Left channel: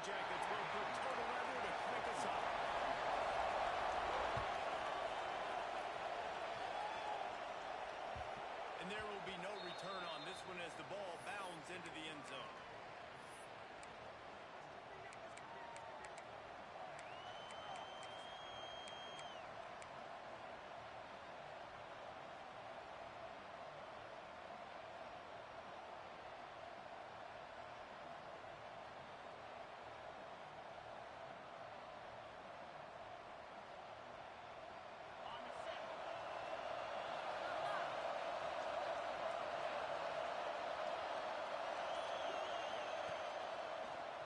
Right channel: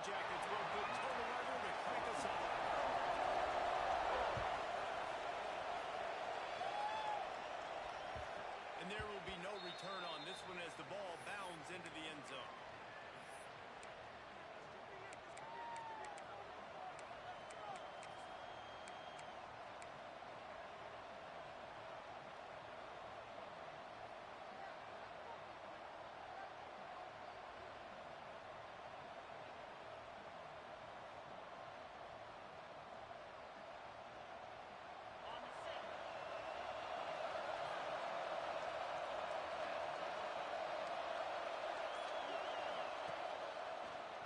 Jackets will put total weather to crank us up. And there will be no return on this one as the ball bounds into the end zone.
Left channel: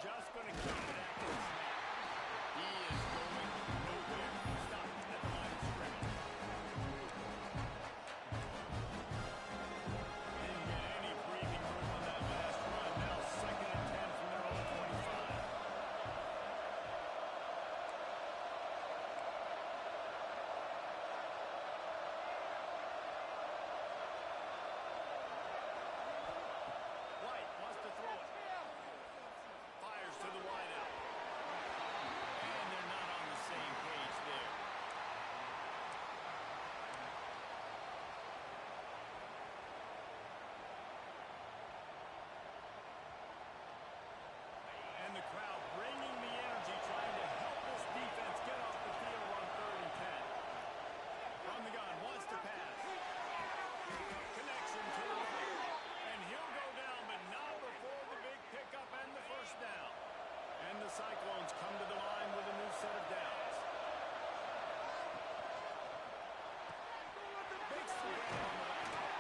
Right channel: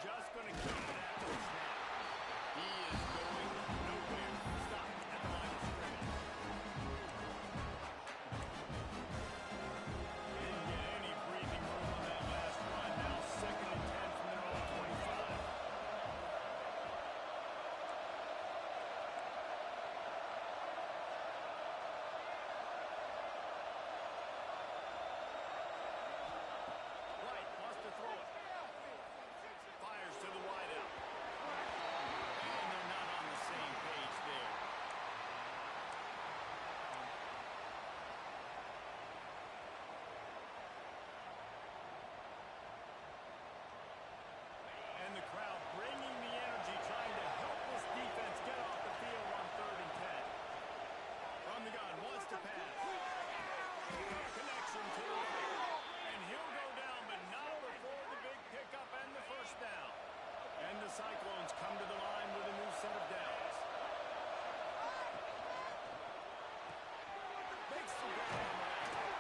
Just going to keep it after the snap. He is going nowhere. Stop at the line of scrimmage. Didn't get any breathing room on that last run. Now 2nd and 10 from their own 25. White wants to throw it. Fires to the wideout. And they're not on the same page there. And the crowd bringing the energy, trying to help this defense get off the field on 3rd and 10. From the gun, wants to pass. Connection to the right. And he'll go down, but not before the big pickup and the first down. And the Cyclones come to the line with a new set of downs. Makes the grab on the back.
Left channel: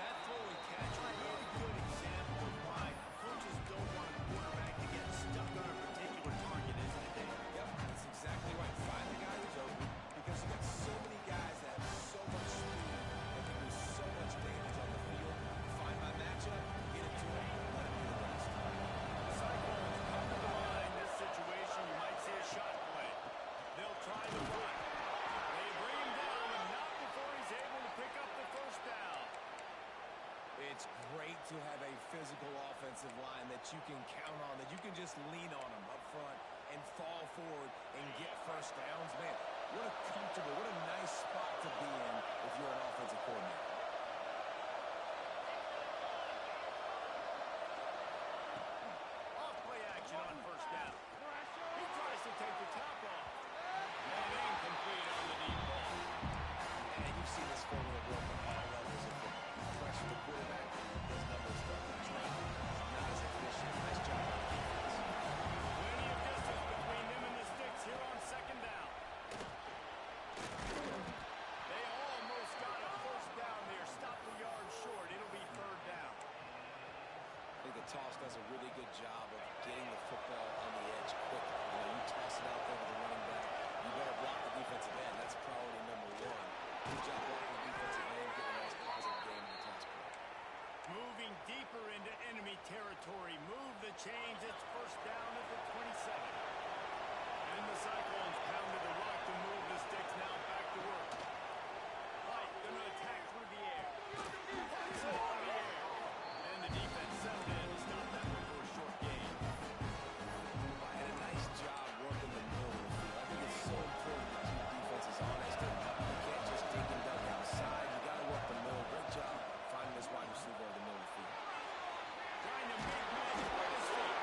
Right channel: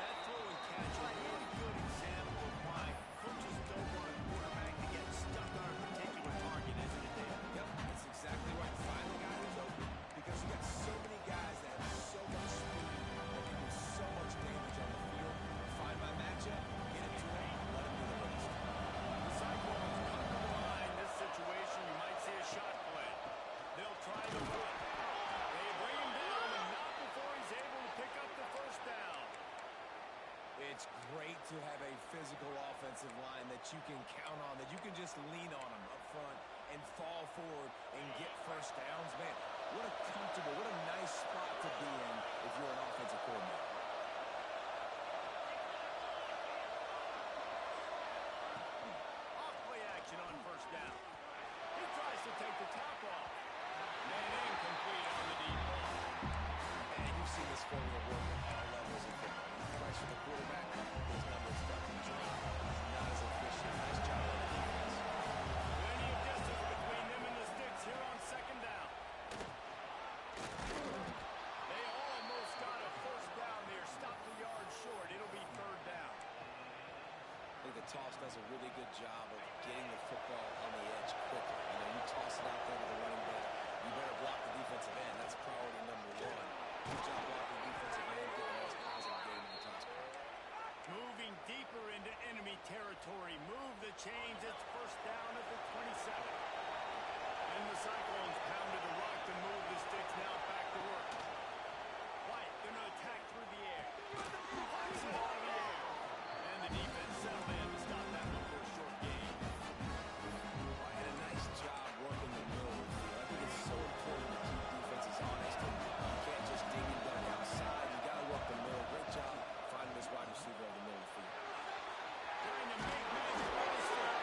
That throw and catch is a really good example of why coaches don't want a quarterback to get stuck on a particular target, isn't it, Dave? Yep, that's exactly right. Find the guy who's open, because you got so many guys that have so much speed that can do so much damage on the field. Find my matchup, get it to him, let him do the rest. The Cyclones come to the line. This situation, you might see a shot play. They'll try the run. They bring him down, and not before he's able to pick up the first down. It's great to have a physical offensive line that you can count on, that you can just lean on them up front and fall forward and get first downs. Man, what a comfortable, what a nice spot to be in if you're an offensive coordinator. Off-play action on first down. He tries to take the top off. And incomplete on the deep ball. And you've seen this formula work at all levels of football. You pressure the quarterback, his numbers start to drop. He's not as efficient. Nice job on the defense. Plenty of distance between them and the sticks here on 2nd down. They almost got a first down there. Stopped the yard short. It'll be 3rd down. I think the toss does a really good job of getting the football on the edge quickly. You know, you toss it out there with the running back, you better block the defensive end. That's priority number 1. Good job blocking the defensive end, getting a nice positive game in the toss play. Moving deeper into enemy territory. Move the chains. It's first down at the 27. And the Cyclones pounded the rock to move the sticks. Now back to work. White going to attack through the air. Flies it out of the air. And the defense settled in to stop that one for a short gain. And a nice job working the middle of the field. I think it's so important to keep defenses honest. And you can't just dig and dug outside. You got to work the middle. Great job finding this wide receiver in the middle of the field. Trying to make magic with his feet.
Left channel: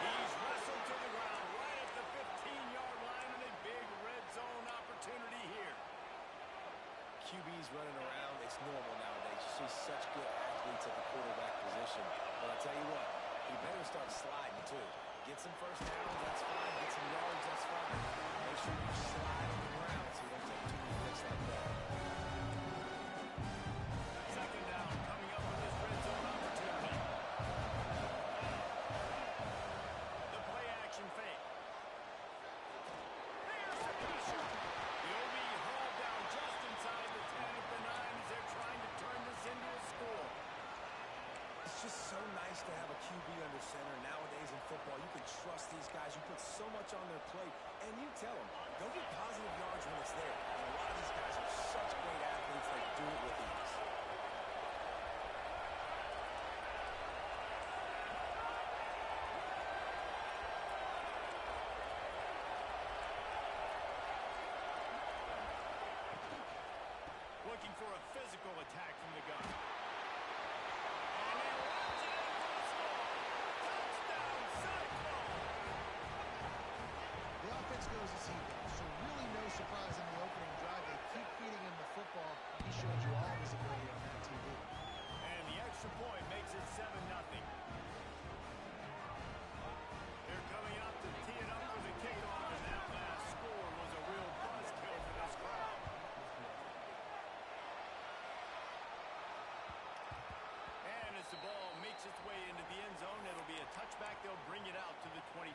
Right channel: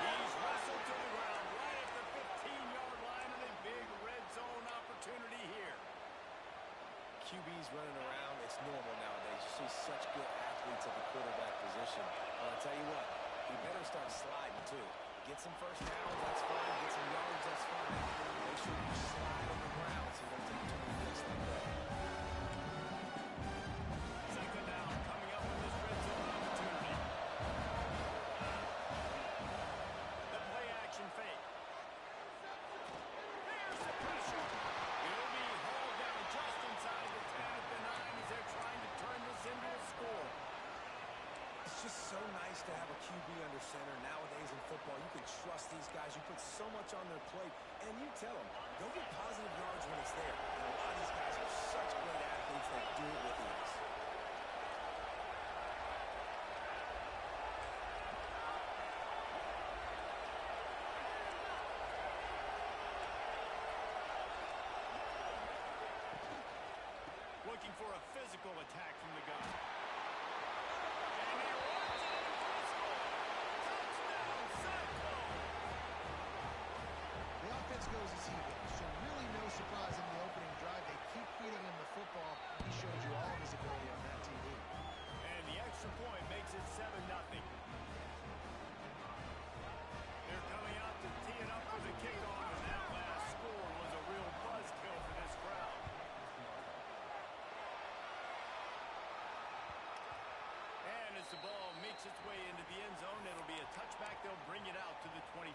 He's wrestled to the ground right at the 15-yard line, and a big red zone opportunity here. QBs running around, it's normal nowadays. You see such good athletes at the quarterback position. But I'll tell you what, he better start sliding too. Get some first downs, that's fine. Get some yards, that's fine. Make sure you slide on the ground so you don't take too many hits like that. 2nd down, coming up with this red zone opportunity. The play action fake. There's the pressure. He'll be hauled down just inside the 10 at the 9 as they're trying to turn this into a score. It's just so nice to have a QB under center. Nowadays in football, you can trust these guys. You put so much on their plate, and you tell them, go get positive yards when it's there. And a lot of these guys are such great athletes, they do it with ease. looking for a physical attack from the gun. And he runs it in for the score. Touchdown, Cyclone! The offense goes as he goes, so really no surprise in the opening drive. They keep feeding him the football. He showed you all his ability on that TV. And the extra point makes it 7-0. They're coming out to tee it up for the kickoff, and that last score was a real buzzkill for this crowd. And as the ball makes its way into the end zone, it'll be a touchback. They'll bring it out to the 25.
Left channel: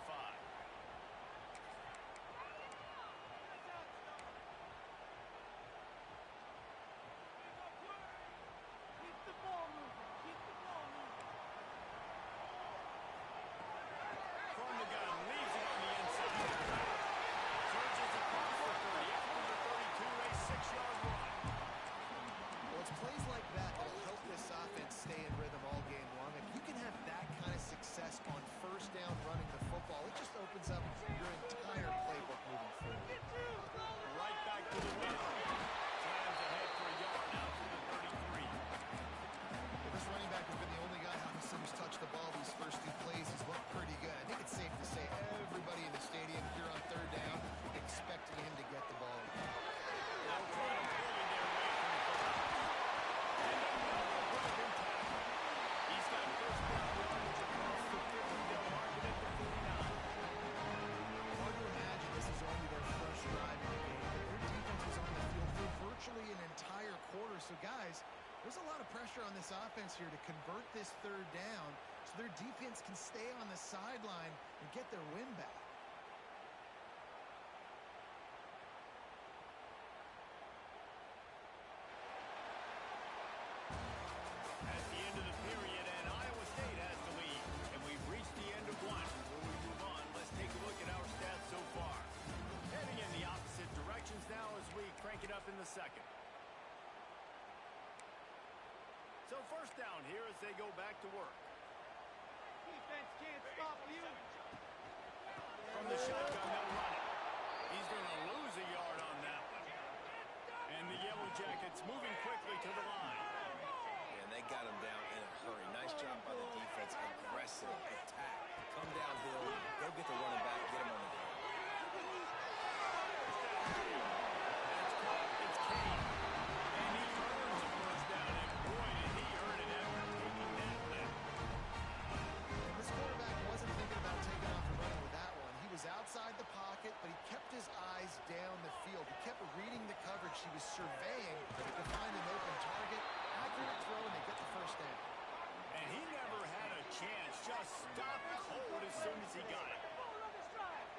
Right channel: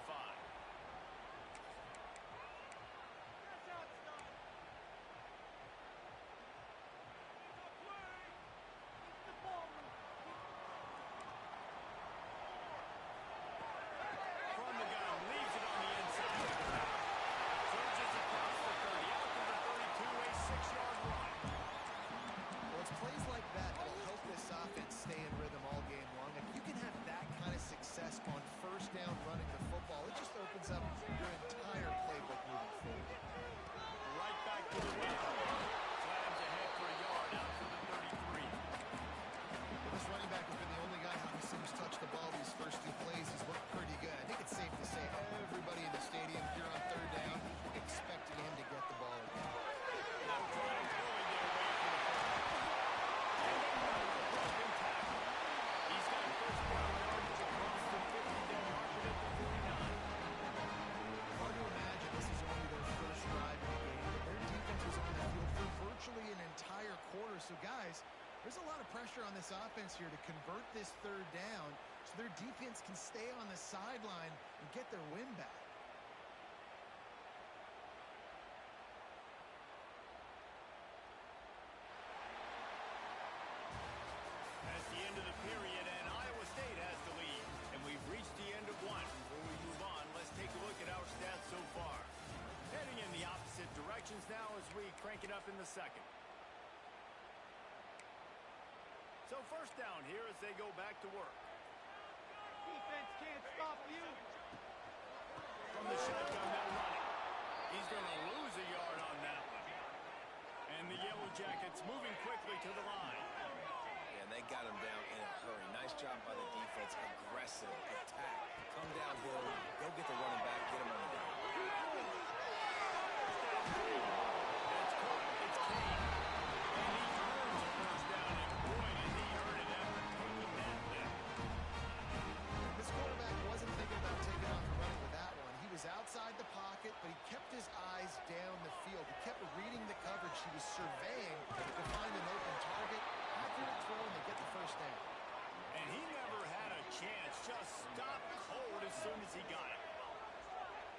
From the gun, leaves it on the inside. Surges across the 30, out to the 32, a 6-yard run. Well, it's plays like that that'll help this offense stay in rhythm all game long. If you can have that kind of success on first down running the football, it just opens up your entire playbook moving forward. Right back to the well. Slams ahead for a yard, out to the 33. Well, this running back has been the only guy obviously who's touched the ball these first two plays. He's looked pretty good. I think it's safe to say everybody in the stadium here on third down expecting him to get the ball again. Now trying to bully their way for the first. And another broken tackle. He's got first down yardage across the 50. They'll mark it at the 49. Hard to imagine this is only their first drive in the game, but their defense was on the field for virtually an entire quarter. So, guys, there's a lot of pressure on this offense here to convert this third down so their defense can stay on the sideline and get their win back. That's the end of the period, and Iowa State has the lead. And we've reached the end of one. Before we move on, let's take a look at our stats so far. Heading in the opposite directions now as we crank it up in the second. So first down here as they go back to work. Defense can't stop you. From the shotgun, they'll run it. He's going to lose a yard on that one. And the Yellow Jackets moving quickly to the line. And they got him down in a hurry. Nice job by the defense. Aggressive attack. Come downhill. Go get the running back. Get him on the ground. That's caught. It's Kane. And he earns a first down. And boy, did he earn it after taking that lift. And this quarterback wasn't thinking about taking off and running with that one. He was outside the pocket, but he kept his eyes down the field. He kept reading the coverage. He was surveying to find an open target. Accurate throw, and they get the first down. And he never had a chance. Just stopped cold as soon as he got it.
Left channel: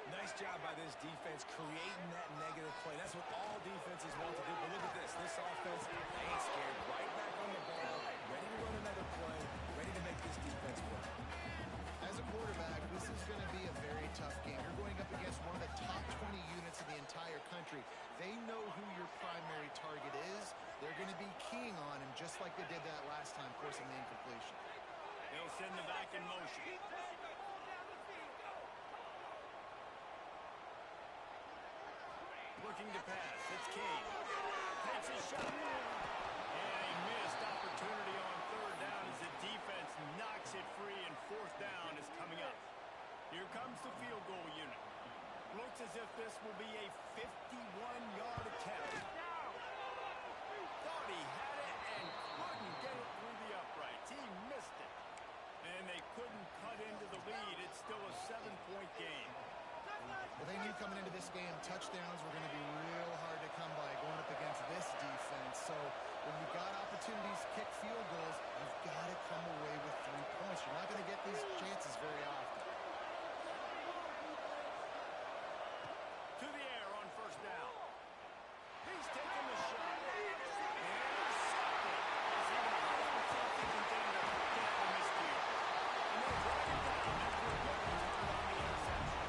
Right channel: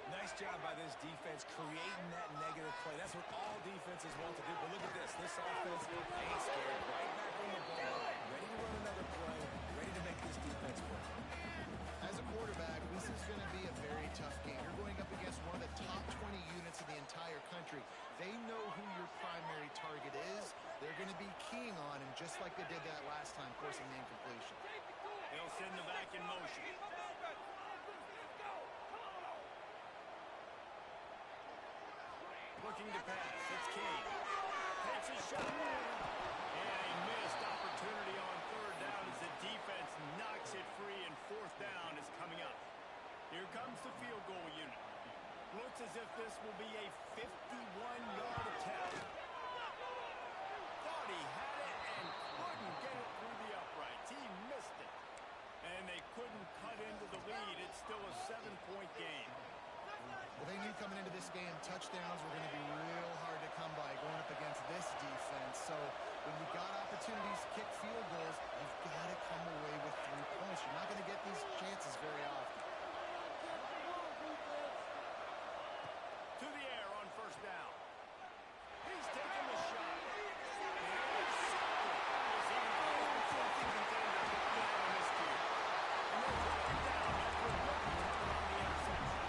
Nice job by this defense creating that negative play. That's what all defenses want to do. But look at this. This offense ain't scared. Right back on the ball. Ready to run another play. Ready to make this defense work. As a quarterback, this is going to be a very tough game. You're going up against one of the top 20 units in the entire country. They know who your primary target is. They're going to be keying on him just like they did that last time, forcing the incompletion. They'll send the back in motion. Looking to pass. It's Kane. Takes a shot. And a missed opportunity on third down as the defense knocks it free, and fourth down is coming up. Here comes the field goal unit. Looks as if this will be a 51-yard attempt. Thought he had it and couldn't get it through the uprights. He missed it. And they couldn't cut into the lead. It's still a 7-point game. Well, they knew coming into this game, touchdowns were going to be real hard to come by going up against this defense. So when you got opportunities to kick field goals, you've got to come away with 3 points. You're not going to get these chances very often. To the air on first down. He's taking the shot. Intercepted. Is even a Heisman Trophy contender can have a miscue. And they'll drag him down after a good return on the interception.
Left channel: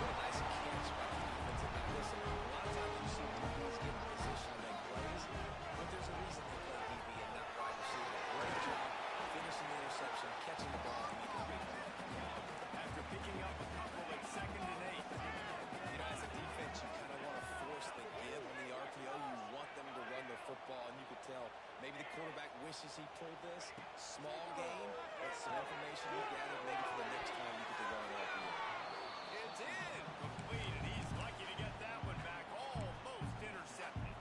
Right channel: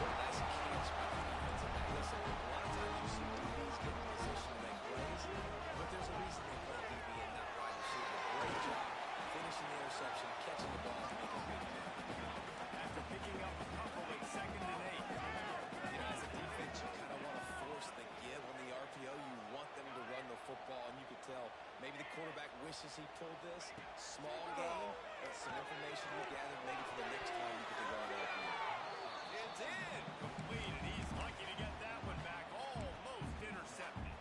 What a nice catch by the defensive back. Listen, a lot of times you see DBs get in position to make plays, but there's a reason they play DB and not wide receiver. Great job finishing the interception, catching the ball, and making a big play. Maybe the quarterback wishes he pulled this. Small gain, but some information you gathered maybe for the next time you get to run it out here. It's in. Complete, and he's lucky to get that one back. Almost intercepted.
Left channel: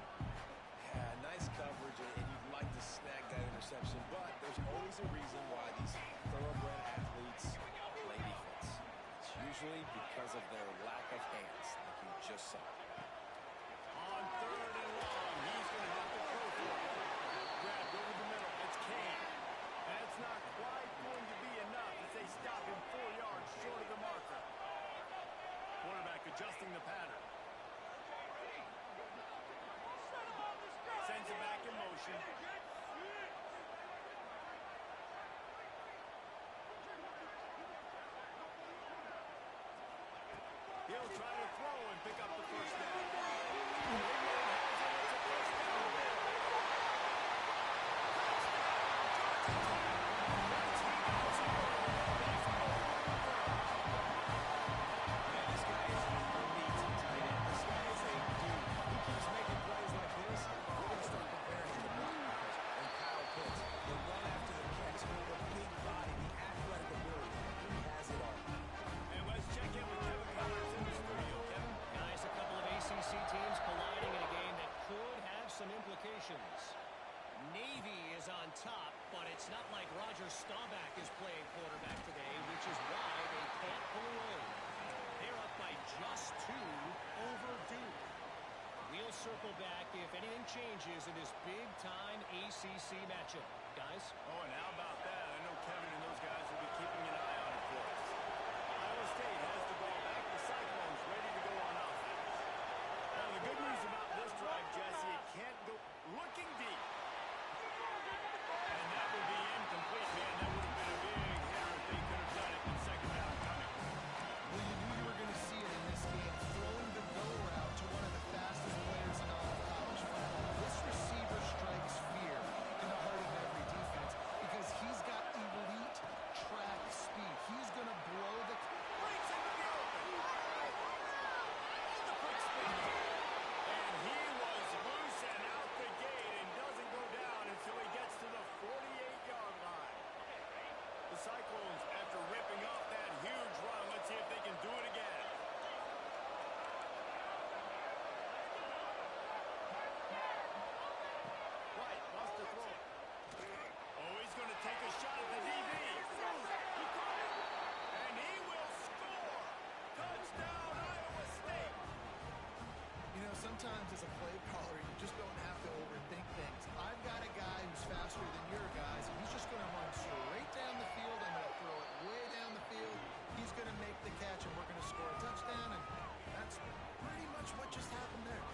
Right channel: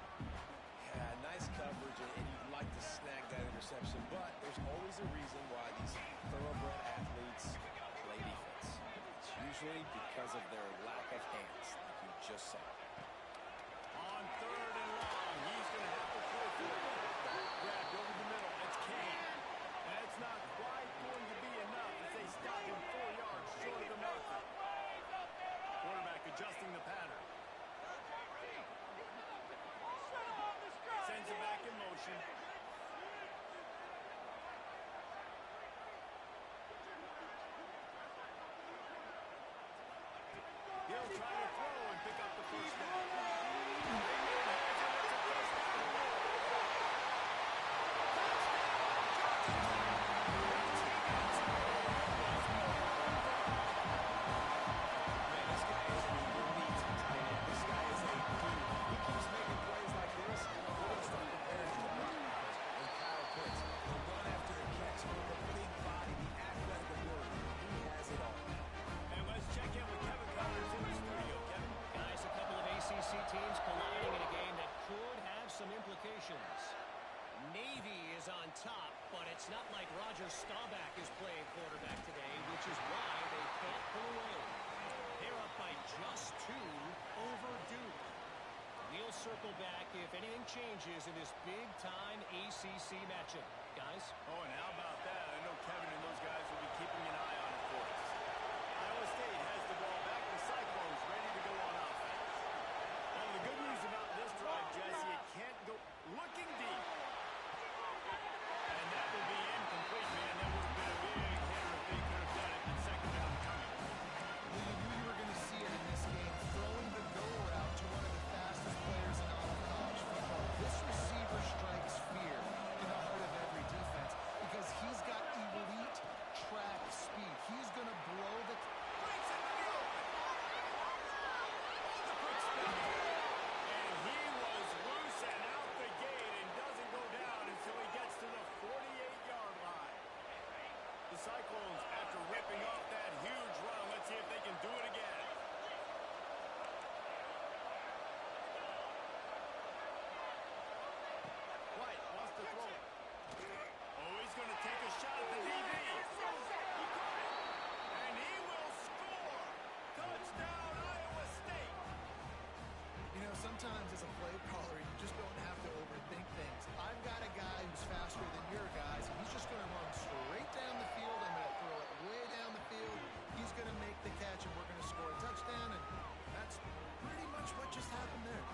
Yeah, nice coverage, and you'd like to snag that interception, but there's always a reason why these thoroughbred athletes play defense. It's usually because of their lack of hands, like you just saw. On 3rd and long, he's going to have to throw for it. Grabbed over the middle. It's Kane. That's not quite going to be enough as they stop him 4 yards short of the marker. Quarterback adjusting the pattern. Sends it back in motion. He'll try to throw and pick up the first down. Big man has it. It's a first down goal. Touchdown, Georgia Tech. Once he got scored, it was over. Man, this guy is an elite tight end. This guy is a dude. He keeps making plays like this. We're going to start comparing him to Brock Bowers and Kyle Pitts. The run after the catch, the big body, the athletic ability. He has it all. And let's check in with Kevin Connors in the studio. Kevin? Guys, a couple of ACC teams colliding in a game that could have some implications. Navy is on top, but it's not like Roger Staubach is playing quarterback today, which is why they can't pull away. They're up by just 2 over Duke. We'll circle back if anything changes in this big-time ACC matchup. Guys? Oh, and how about that? I know Kevin and those guys will be keeping an eye on it for us. Iowa State has the ball back. The Cyclones ready to go on offense. Well, the good news about this drive, Jesse, it can't go looking deep. And that would be incomplete, man. That would have been a big hitter if they could have done it. And second down coming. Well, you knew you were going to see it in this game, throwing the go route to one of the fastest players in all of college football. This receiver strikes fear in the heart of every defense because he's got elite track speed. He's going to blow the... Breaks into the open. Oh, the quick spin. And he was loose and out the gate and doesn't go down until he gets to the 48-yard line. The Cyclones, after ripping off that huge run, let's see if they can do it again. White wants to throw it. Oh, he's going to take a shot at the DB. He caught it. And he will score. Touchdown, Iowa State. You know, sometimes as a play caller, you just don't have to overthink things. I've got a guy who's faster than your guys, and he's just going to run straight down the field. I'm going to throw it way down the field. He's going to make the catch, and we're going to score a touchdown, and that's pretty much what just happened there.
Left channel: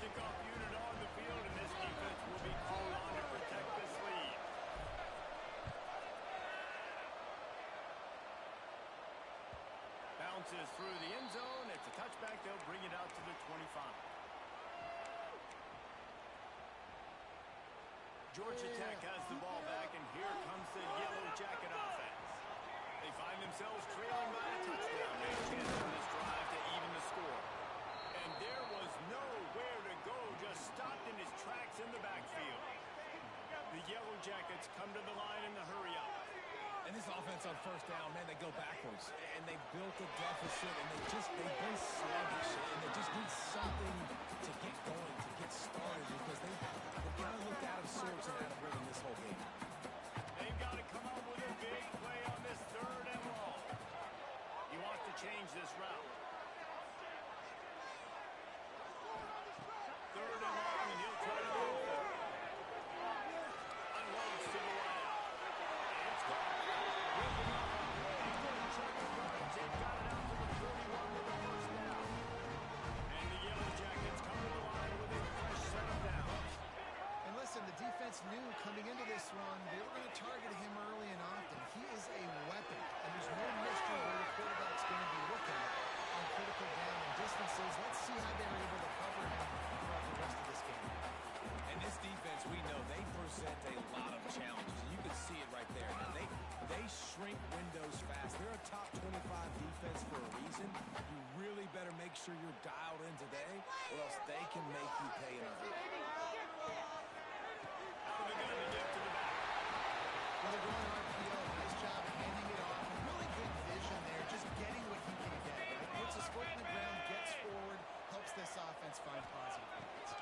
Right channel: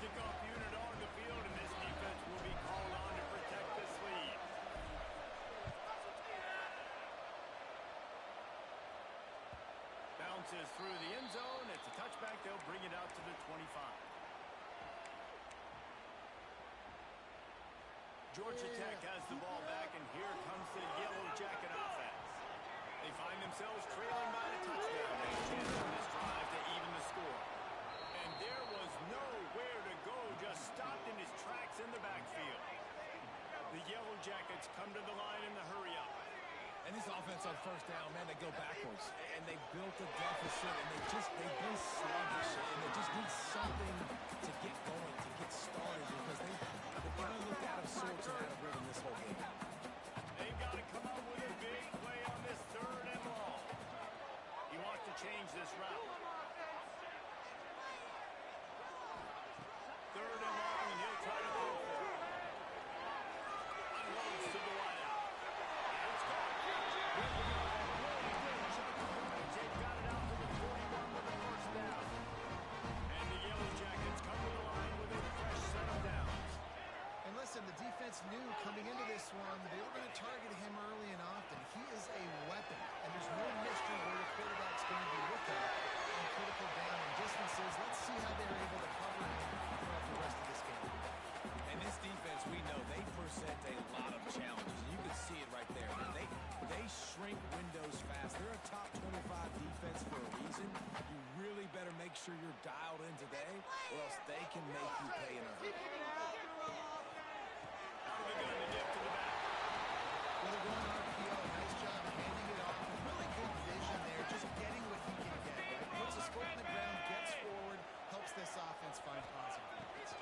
Kickoff unit on the field, and this defense will be called on to protect this lead. Bounces through the end zone. It's a touchback. They'll bring it out to the 25. Georgia Tech has the ball back, and here comes the Yellow Jacket offense. They find themselves trailing by a touchdown. They have a chance on this drive to even the score. And there was nowhere to go, just stopped in his tracks in the backfield. The Yellow Jackets come to the line in the hurry-up. And this offense on first down, man, they go backwards. And they built a deficit, and they've been sluggish. And they just need something to get going, to get started, because they kind of looked out of sorts and out of rhythm this whole game. They've got to come up with a big play on this 3rd and long. He wants to change this route. 3rd and long, and he'll try to throw for it. Unloads to the wideout. And it's caught. Ripping off a really good chunk of yardage. They've got it out to the 41 with a first down. And the Yellow Jackets come to the line with a fresh set of downs. And listen, the defense knew coming into this one, they were going to target him early and often. He is a weapon, and there's no mystery where the quarterback's going to be looking on critical down and distances. Let's see how they're able to cover him throughout the rest of this game. And this defense, we know, they present a lot of challenges. You can see it right there, man. They shrink windows fast. They're a top 25 defense for a reason. You really better make sure you're dialed in today, or else they can make you pay in a hurry. Out of the gun to get to the back. Well, they're going RPO. Nice job handing it off. And really good vision there, just getting what he can get, right? Puts his foot in the ground, gets forward, helps this offense find positive points.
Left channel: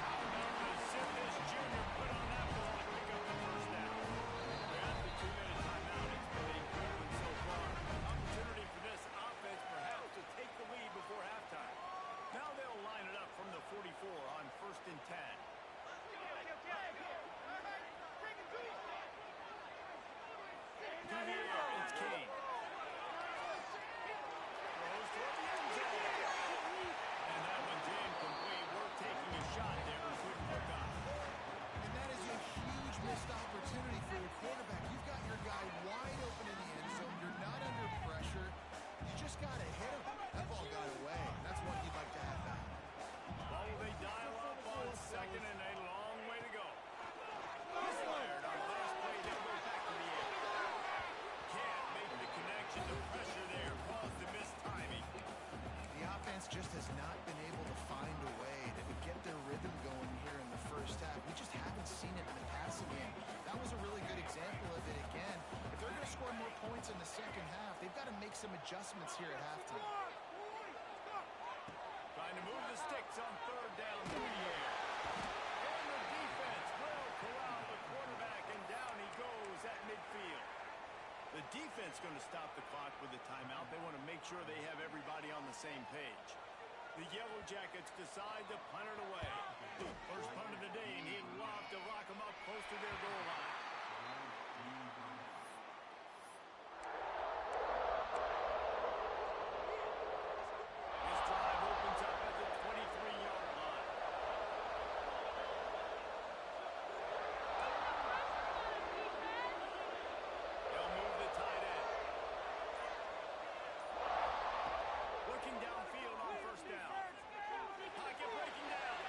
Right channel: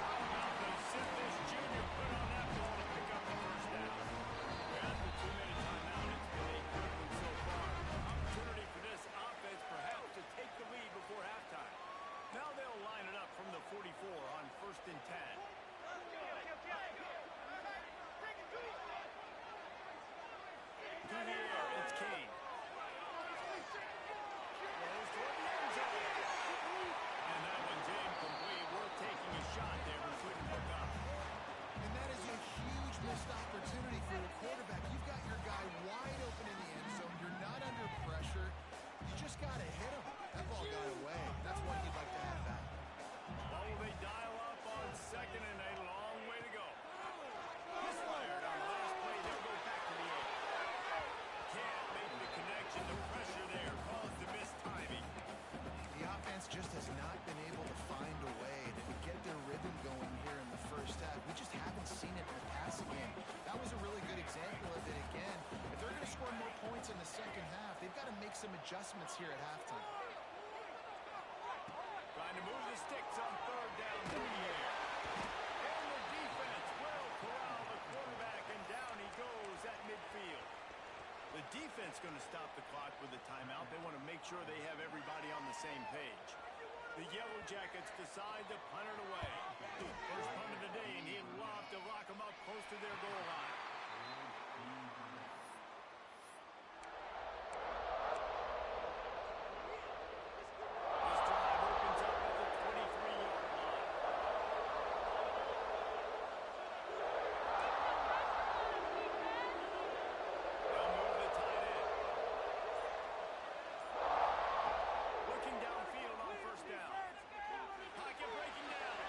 How about the zip this junior put on that ball to pick up the first down? We're at the 2-minute timeout. It's been a good one so far. Opportunity for this offense perhaps to take the lead before halftime. Now they'll line it up from the 44 on 1st and 10. To the air, it's Kane. Throws toward the end zone. And that one's incomplete. Worth taking a shot there, but couldn't hook up. And that is a huge missed opportunity for your quarterback. You've got your guy wide open in the end zone. You're not under pressure. You just got to hit him. That ball got away. That's one you'd like to have back. Well, will they dial up on 2nd and a long way to go? Misfired on the last play. They'll go back to the air. Can't make the connection. The pressure there caused the missed timing. The offense just has not been able to find a way to get their rhythm going here in the first half. We just haven't seen it in the passing game. That was a really good example of it again. If they're going to score more points in the second half, they've got to make some adjustments here at halftime. Trying to move the sticks on 3rd down through the air. And the defense will corral the quarterback, and down he goes at midfield. The defense going to stop the clock with a timeout. They want to make sure they have everybody on the same page. The Yellow Jackets decide to punt it away. First punt of the day, and he'd love to lock them up close to their goal line. This drive opens up at the 23-yard line. They'll move the tight end. Looking downfield on 1st down. Pocket breaking down. Oh,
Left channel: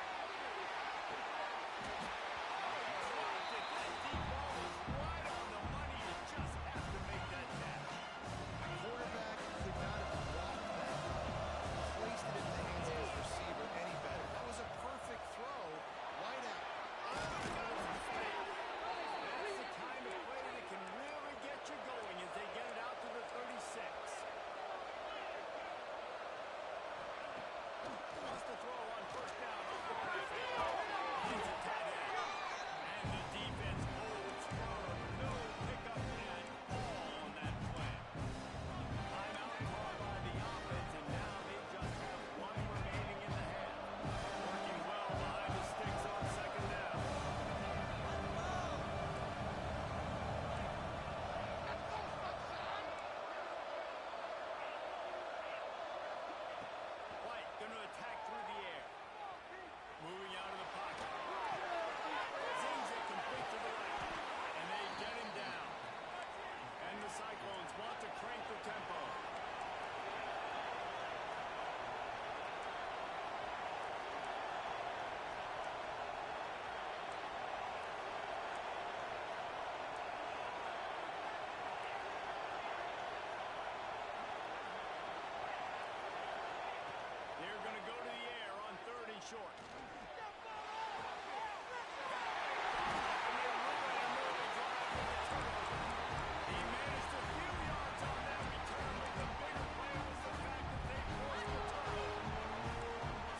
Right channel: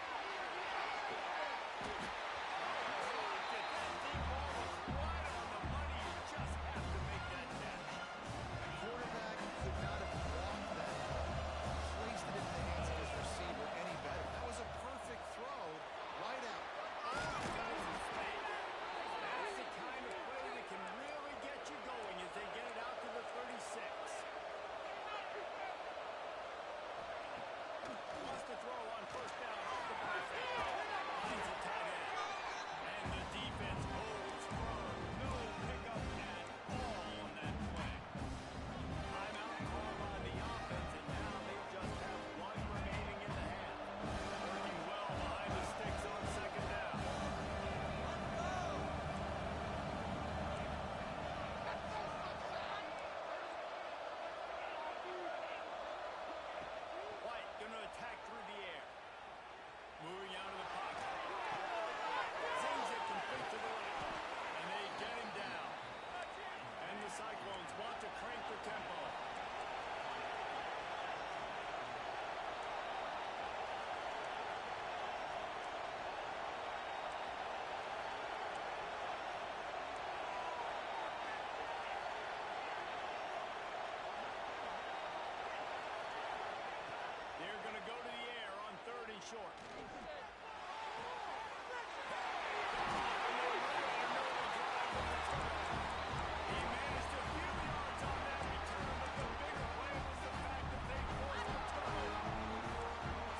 he dropped it. That deep ball was right on the money. You just have to make that catch. The quarterback could not have blocked that ball, placed it into the hands of his receiver any better. That was a perfect throw, right out. Oh, he's got some space. That's the kind of play that can really get you going as they get it out to the 36. Wants to throw on 1st down off the play fake. Finds the tight end. And the defense holds firm. No pickup at all on that play. Timeout called by the offense, and now they just have one remaining in the half. Working well behind the sticks on 2nd down. White going to attack through the air. Moving out of the pocket. Zings it complete to the right. And they get him down. And the Cyclones want to crank the tempo. They're going to go to the air on 3rd and short. And they ruin an early drive with the turnover. He managed a few yards on that return, but the bigger play was the fact that they forced the turnover.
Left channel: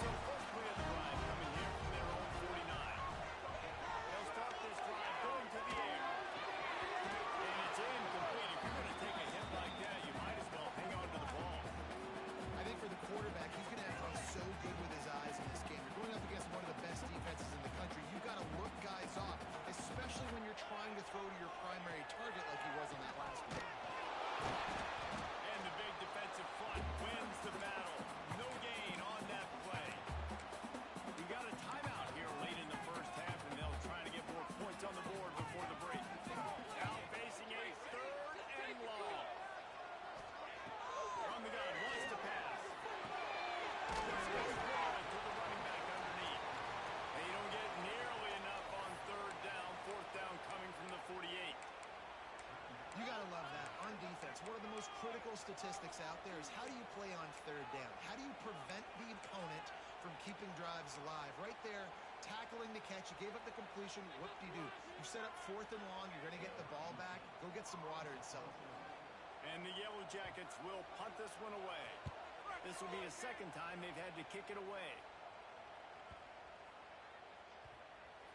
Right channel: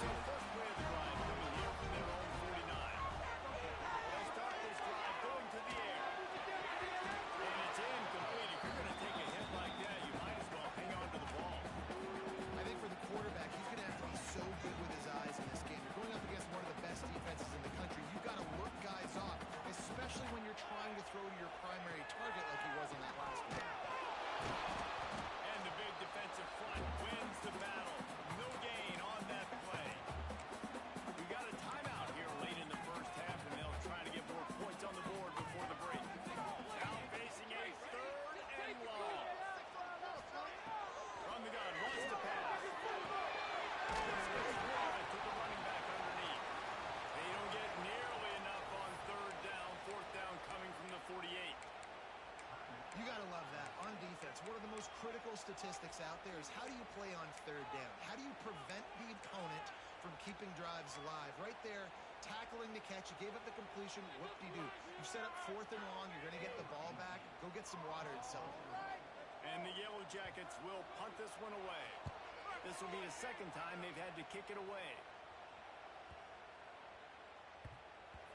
So first play of the drive coming here from their own 49. They'll start this drive going to the air. And it's incomplete. If you're going to take a hit like that, you might as well hang on to the ball. I think for the quarterback, he's going to have to be so good with his eyes in this game. You're going up against one of the best defenses in the country. You've got to look guys off, especially when you're trying to throw to your primary target like he was on that last one. And the big defensive front wins the battle. No gain on that play. We got a timeout here late in the first half, and they'll try to get more points on the board before the break. Now facing a 3rd and long. From the gun, wants to pass. This gets rid to the running back underneath. They don't get nearly enough on 3rd down, 4th down coming from the 48. You got to love one of the most critical statistics out there is how do you play on third down? How do you prevent the opponent from keeping drives alive? Right there, tackling the catch. You gave up the completion. Whoop-de-doo. You set up 4th and long. You're going to get the ball back. Go get some water and celebrate. And the Yellow Jackets will punt this one away. This will be the second time they've had to kick it away.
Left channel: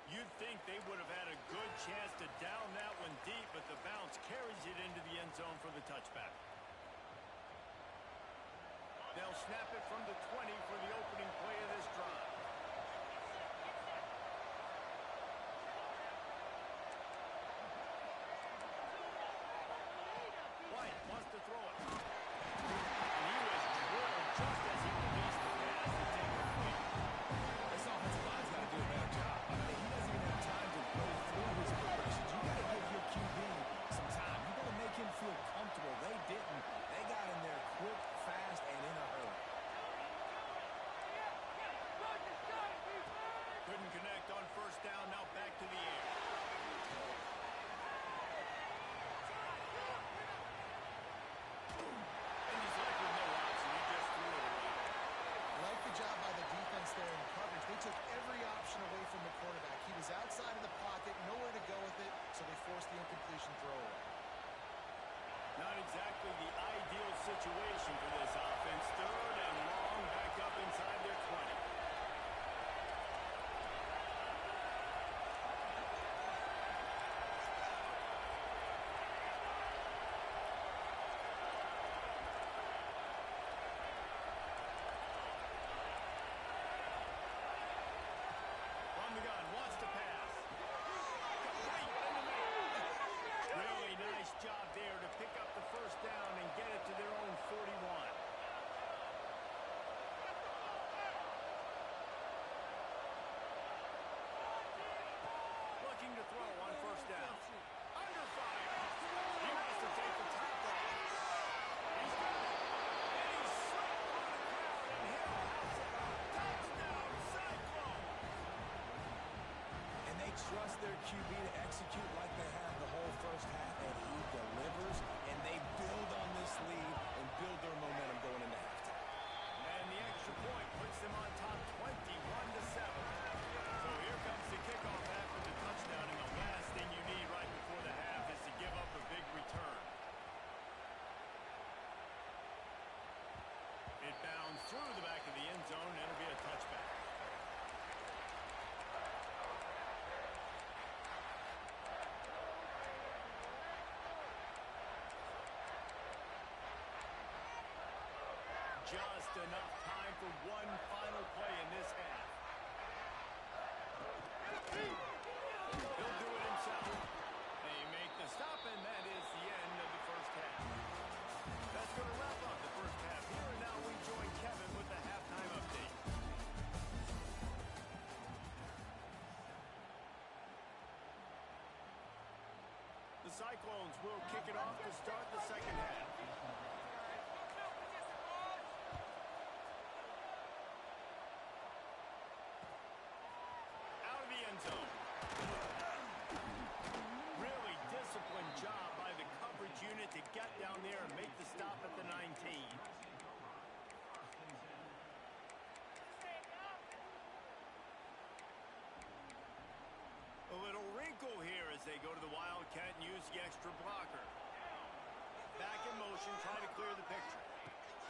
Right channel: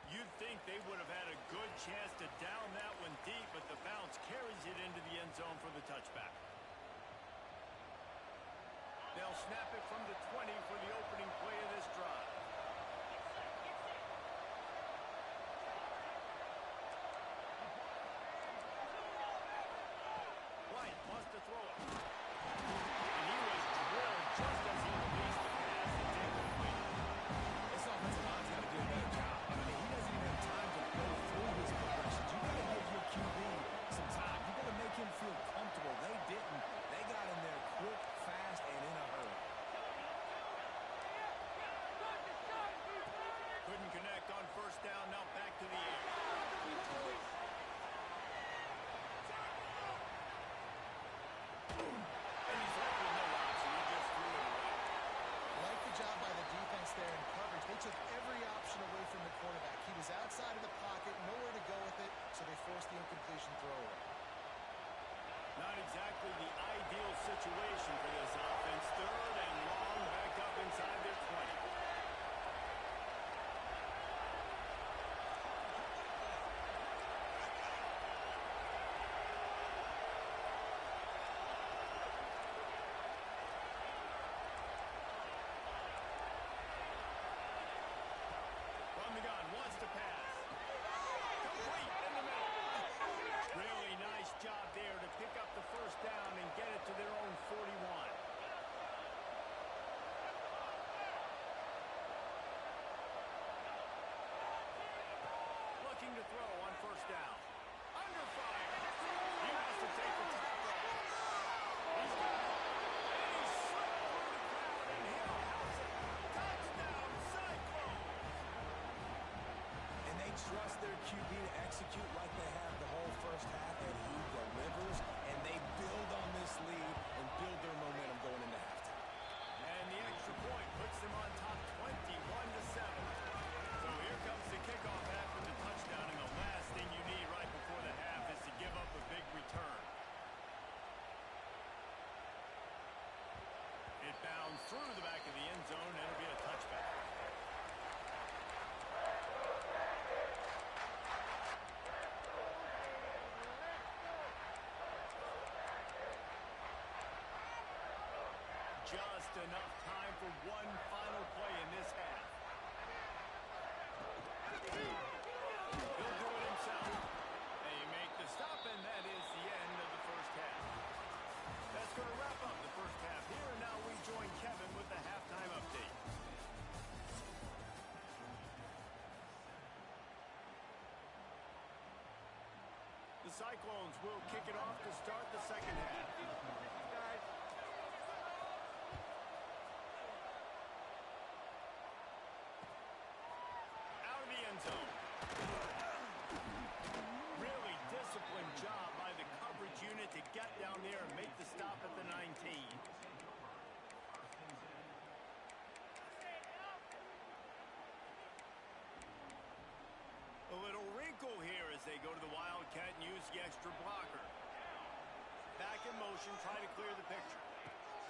You'd think they would have had a good chance to down that one deep, but the bounce carries it into the end zone for the touchback. They'll snap it from the 20 for the opening play of this drive. White wants to throw it. And he was drilled just as he released the pass. It's incomplete. This offensive line's got to do a better job. I mean, he doesn't even have time to go through his progressions. You got to give your QB some time. You got to make him feel comfortable. They didn't. They got in there quick, fast, and in a hurry. Couldn't connect on first down. Now back to the air. And he's left with no option. He just threw it away. Like the job by the defense there in coverage. They took every option away from the quarterback. He was outside of the pocket, nowhere to go with it, so they forced the incompletion throw away. Not exactly the ideal situation for this offense. 3rd and long, back up inside their 20. From the gun, wants to pass. Complete in the middle. Really nice job there to pick up the first down and get it to their own 41. Looking to throw on first down. Under fire. He wants to take the top off. He's got it. And he's slipped through the crowd, and he'll house it. Touchdown, Cyclones. And they trust their QB to execute like they have the whole first half, and he delivers, and they build on this lead and build their momentum going into halftime. And the extra point puts them on top 21-7. So here comes the kickoff after the touchdown, and the last thing you need right before the half is to give up a big return. It bounds through the back of the end zone, and it'll be a touchback. Just enough time for one final play in this half. He'll do it himself. They make the stop, and that is the end of the first half. That's going to wrap up the first half here, and now we join Kevin with the halftime update. The Cyclones will kick it off to start the second half. Out of the end zone. Really disciplined job by the coverage unit to get down there and make the stop at the 19. A little wrinkle here as they go to the Wildcat and use the extra blocker. Back in motion, try to clear the picture.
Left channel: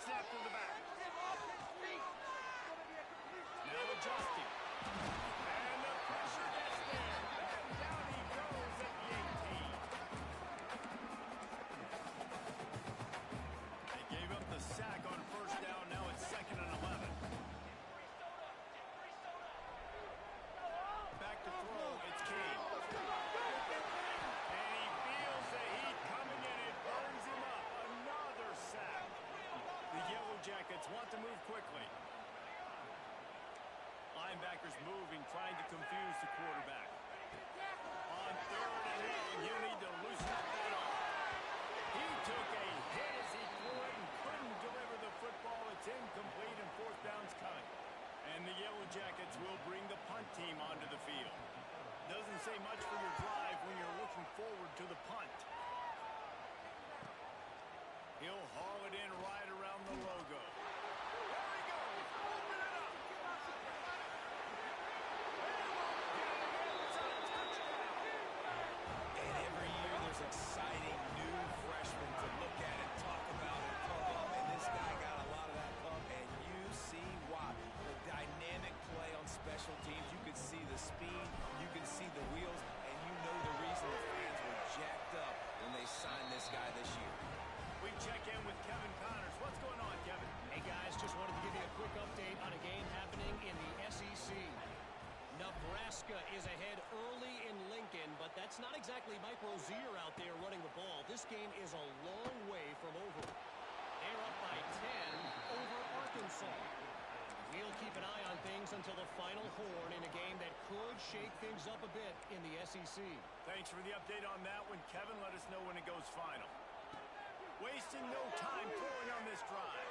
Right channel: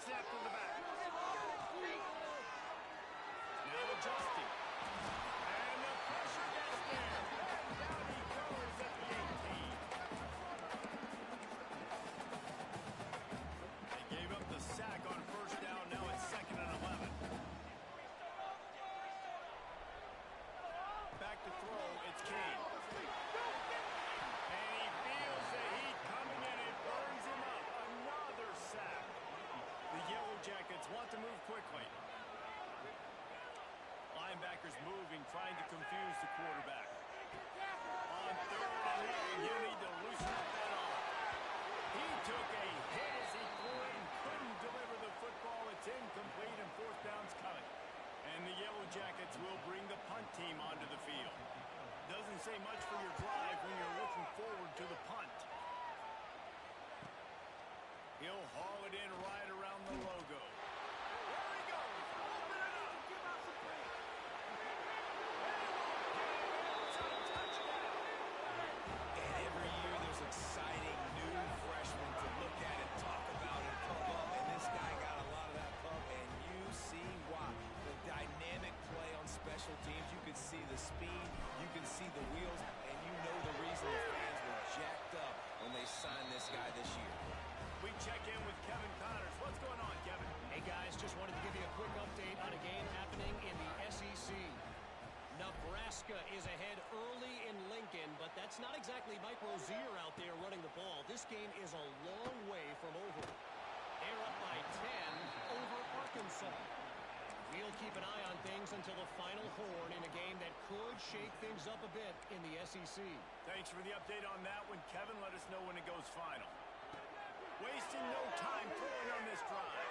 Snap to the back. Now adjusting. And the pressure gets there. And down he goes at the 18. They gave up the sack on first down. Now it's 2nd and 11. Back to throw. It's King. And he feels the heat coming in. It burns him up. Another sack. The Yellow Jackets want to move quickly. Linebackers moving, trying to confuse the quarterback. On 3rd and long, you need to loosen up that arm. He took a hit as he threw it and couldn't deliver the football. It's incomplete, and 4th down's coming. And the Yellow Jackets will bring the punt team onto the field. Doesn't say much for your drive when you're looking forward to the punt. He'll haul it in right around the logo. There he goes. Open it up. They won't get it. It's a touchdown. And every year there's exciting new freshmen to look at and talk about and pump up. And this guy got a lot of that pump, and you see why. The dynamic play on special teams. You can see the speed. You can see the wheels. And you know the reason the fans were jacked up when they signed this guy this year. We check in with Kevin Connors. What's going on, Kevin? Hey, guys, just wanted to give you a quick update on a game happening in the SEC. Nebraska is ahead early in Lincoln, but that's not exactly Mike Rozier out there running the ball. This game is a long way from over. They're up by 10 over Arkansas. We'll keep an eye on things until the final horn in a game that could shake things up a bit in the SEC. Thanks for the update on that one, Kevin. Let us know when it goes final. Wasting no time throwing on this drive.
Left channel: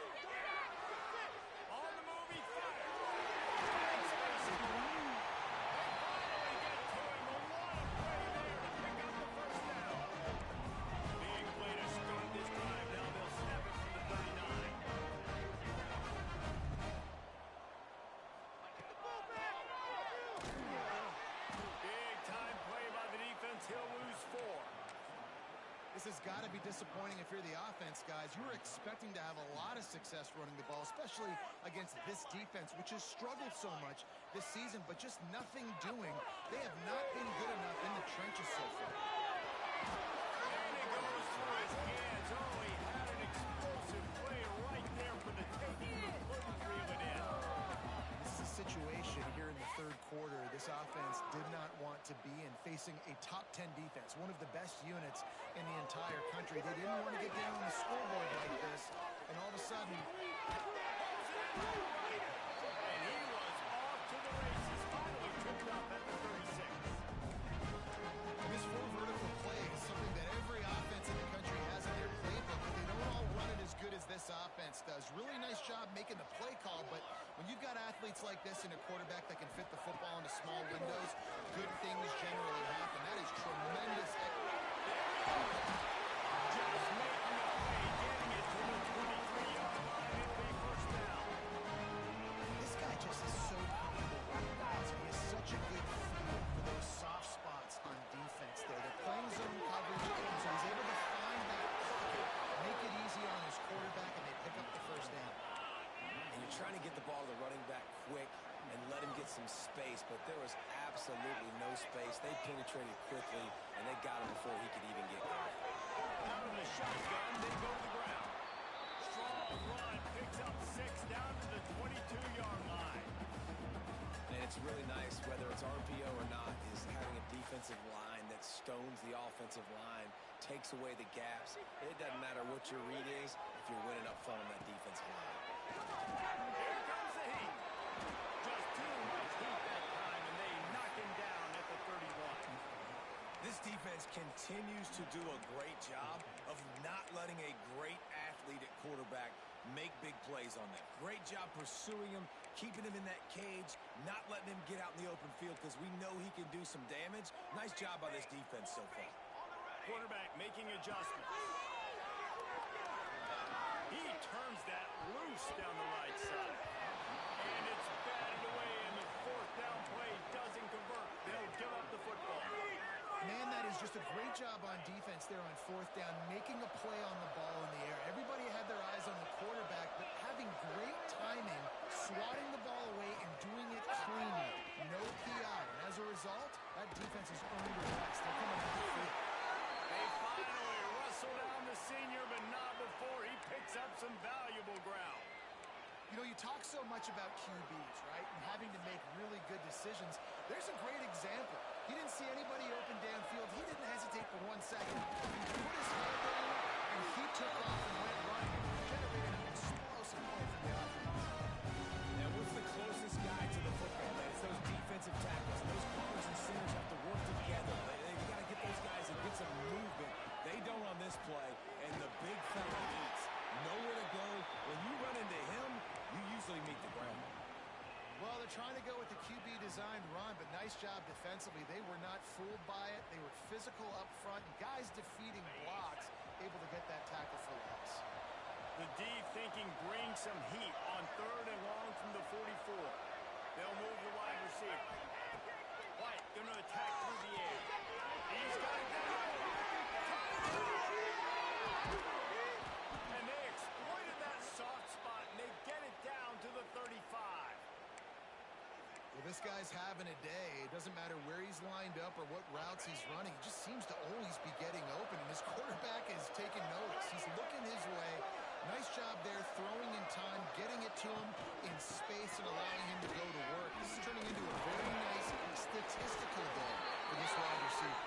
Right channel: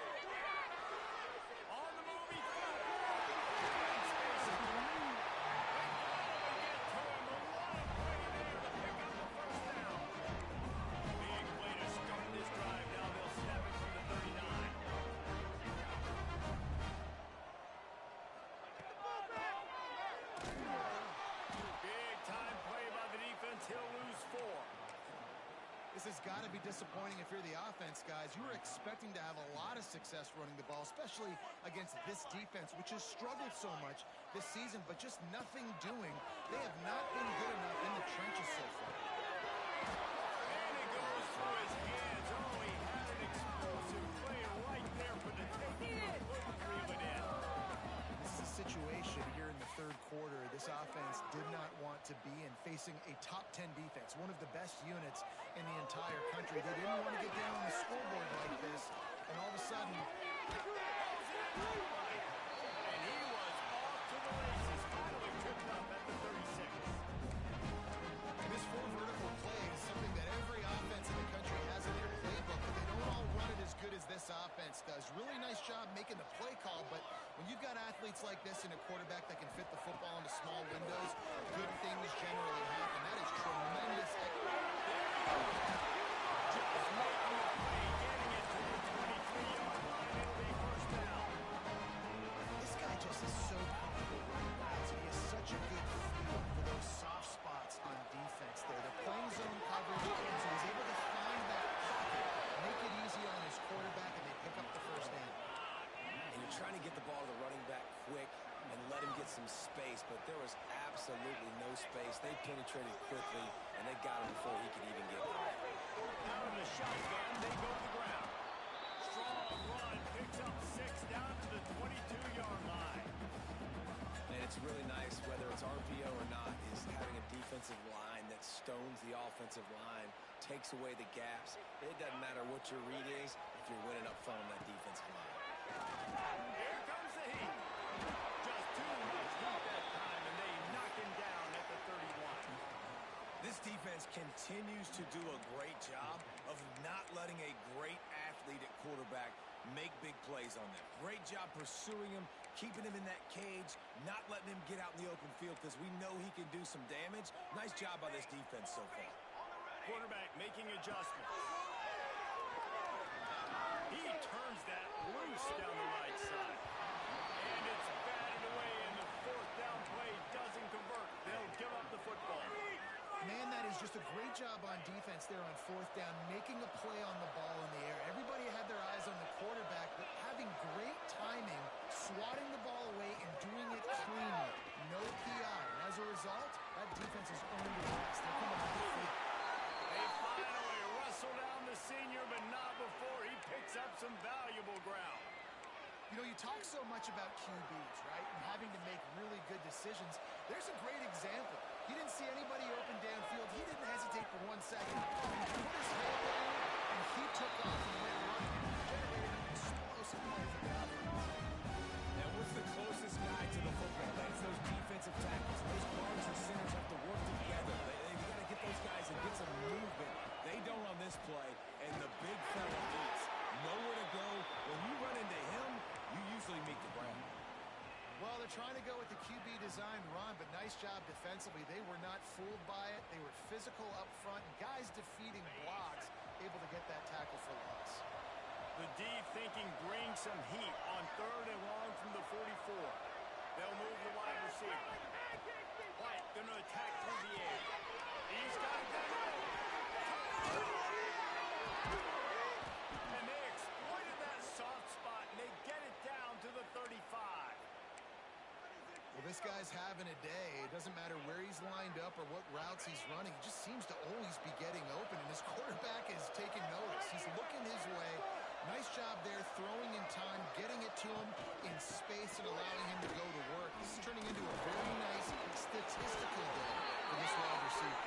On the move, he fires. Big space in the right. They finally get to him. A lot of play there to pick up the first down. Big play to start this drive. Now they'll snap it from the 39. Big time play by the defense. He'll lose 4. This has got to be disappointing if you're the offense, guys. You were expecting to have a lot of success running the ball, especially against this defense, which has struggled so much this season, but just nothing doing. They have not been good enough in the trenches so far. And it goes through his hands. Oh, he had an explosive play right there for the taking, but couldn't reel it in. This is a situation here in the third quarter this offense did not want to be in, facing a top 10 defense, one of the best units in the entire country. They didn't want to get down on the scoreboard like this, and all of a sudden, And he was off to the races, finally tripped up at the 36. and this 4 vertical play is something that every offense in the country has in their playbook, but they don't all run it as good as this offense does. Really nice job making the play call, but when you've got athletes like this and a quarterback that can fit the football into small windows, good things generally happen. That is tremendous. Just making the play, getting it to the 23-yard line. It'll be first down. This guy just is so comfortable running routes, and he has such a good feel for those soft spots on defense there. They're playing zone coverage, so he's able to find that pocket, make it easy on his quarterback, and they pick up the first down. And you're trying to get the ball to the running back quick and let him get some space, but there was absolutely no space. They penetrated quickly, and they got him before he could even get going. Out of the shotgun, they go to the ground. Strong run, picks up 6 down to the 22-yard line. And it's really nice, whether it's RPO or not, is having a defensive line that stones the offensive line, takes away the gaps. It doesn't matter what your read is if you're winning up front on that defensive line. Here comes the heat. Just too much heat that time, and they knock him down at the 31. This defense continues to do a great job of not letting a great athlete at quarterback make big plays on them. Great job pursuing him, keeping him in that cage, not letting him get out in the open field because we know he can do some damage. Nice job by this defense so far. Quarterback making adjustments. He turns that loose down the right side. And it's batted away, and the 4th down play doesn't convert. They'll give up the football. Man, that is just a great job on defense there on 4th down, making a play on the ball in the air. Everybody had their eyes on the quarterback, but having great timing, swatting the ball away, and doing it cleanly. No PI. And as a result, that defense has earned a rest. They're coming off the field. They finally wrestle down the senior, but not before he picks up some valuable ground. You know, you talk so much about QBs, right, and having to make really good decisions. There's a great example. He didn't see anybody open downfield. He didn't hesitate for 1 second. He put his hand down, and he took off and went running, and generated an explosive play for the offense. Now, what's the closest guy to the football, man? It's those defensive tackles. And those guards and centers have to work together. They got to get those guys and get some movement. They don't on this play, and the big fella eats. Nowhere to go. When you run into him, you usually meet the ground. Well, they're trying to go with the QB-designed run, but nice job defensively. They were not fooled by it. They were physical up front, and guys defeating blocks, able to get that tackle for loss. The D thinking bring some heat on 3rd and long from the 44. They'll move the wide receiver. White going to attack through the air. He's got it down. And they exploited that soft spot, and they get it down to the 35. Well, this guy's having a day. It doesn't matter where he's lined up or what routes he's running. He just seems to always be getting open, and his quarterback is taking notice. He's looking his way. Nice job there, throwing in time, getting it to him in space and allowing him to go to work. This is turning into a very nice statistical day for this wide receiver.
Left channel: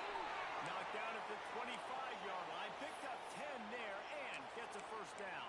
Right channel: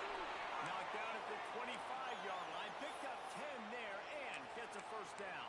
Knocked down at the 25-yard line, picked up 10 there, and gets a first down.